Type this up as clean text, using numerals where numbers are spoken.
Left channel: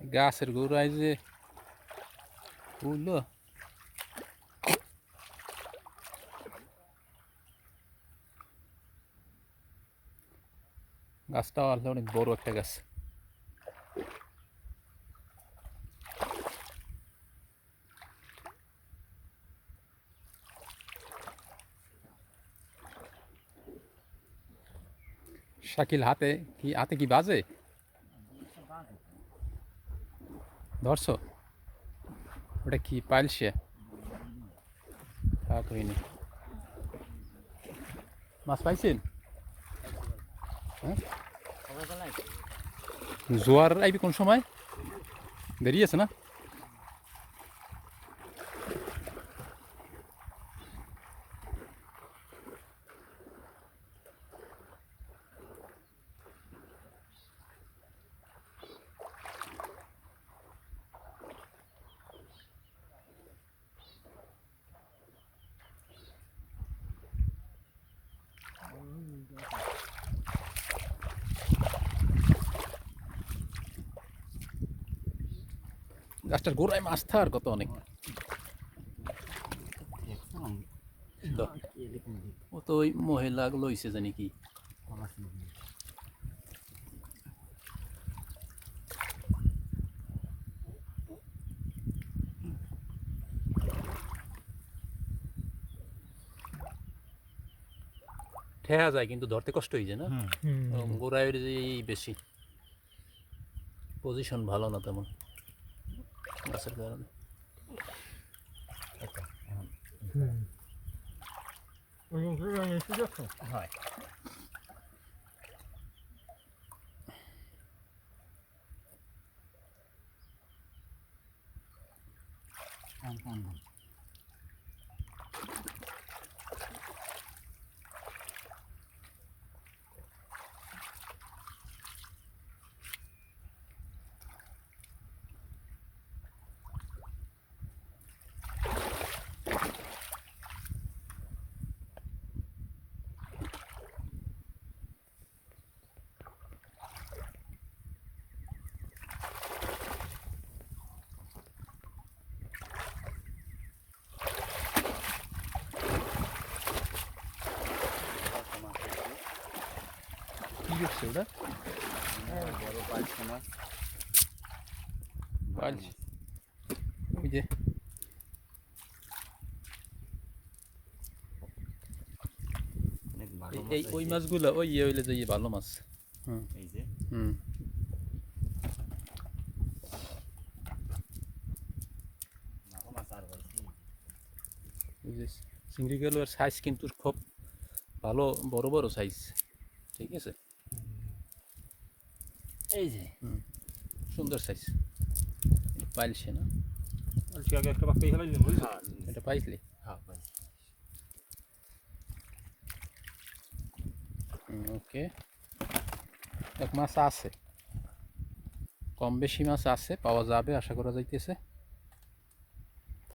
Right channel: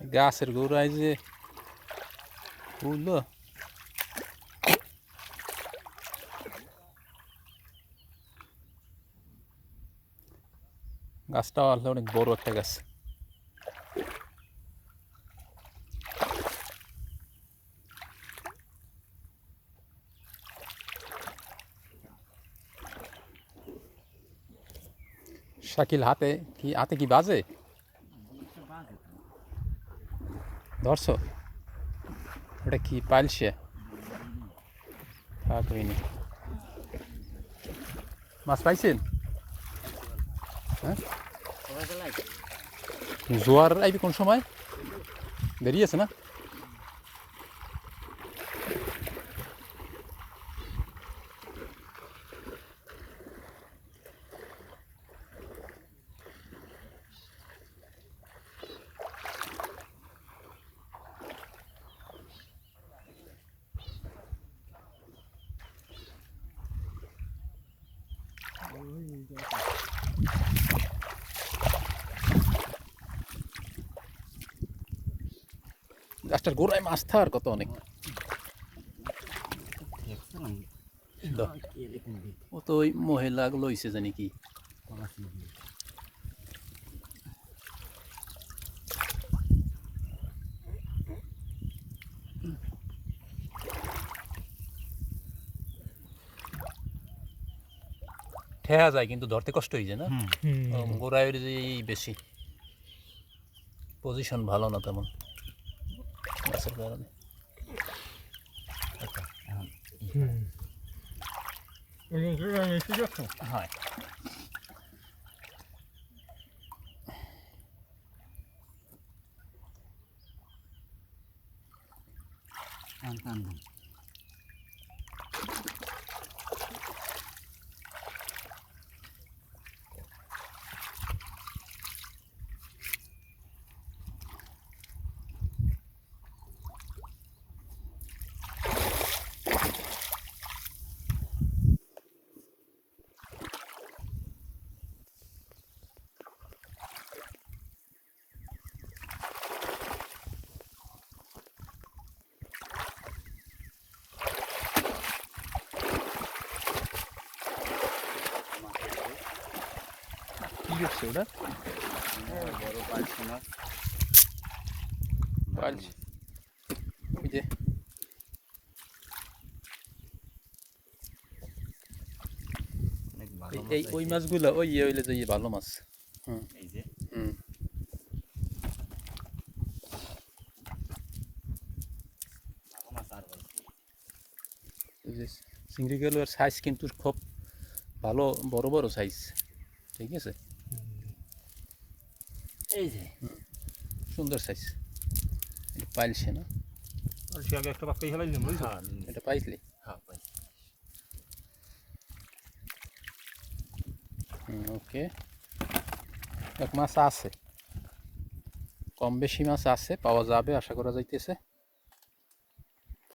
গাছের গোড়ায় যে বুঝলো গাছটাও আসলে অনেক বড় একটা গাছ। শাকিল হাতে কি বাজে ধরছো? ওটা কি পাইলছে? থাক হয়নি। মাছ পাইছেন? হ্যাঁ, জোয়ার আইবি কোন সময়? দেরি আছে না? গাছটার গোড়ায় মাছ থাকার কত অনেক। ও তো ওই মহিলাগুলো হইছে জানি কি ঠেয়া যায় কিন্তু ধরতে কষ্ট হয়ে যায় না। গোড়ায় যে বেশি পজিশন ভালো না তেমন গাছের কারণে। হয় কি করছে ওটা? বড় পাইছে মাছ। ওই যে এই ওই মাছগুলো ওই হইলে যে ভালো মাছ। এই যে ভালো মাছ আর হয়েছে। এই যে চিংড়িগুলোর সাইজ কিন্তু খুব ভালো, বড় বড় সাইজ। ঠিক আছে, এই যে সুন্দর সাইজ। পাইলছে না? আগে একটা বাক্কাই খেলাইলি বুঝলি? এটা পাইছলি? হ্যাঁ পাইছি। ওকে, এক মাছ আছে, কম বেশি মাছ আছে, পাওয়া যাবে আশা করা যাইতেছে।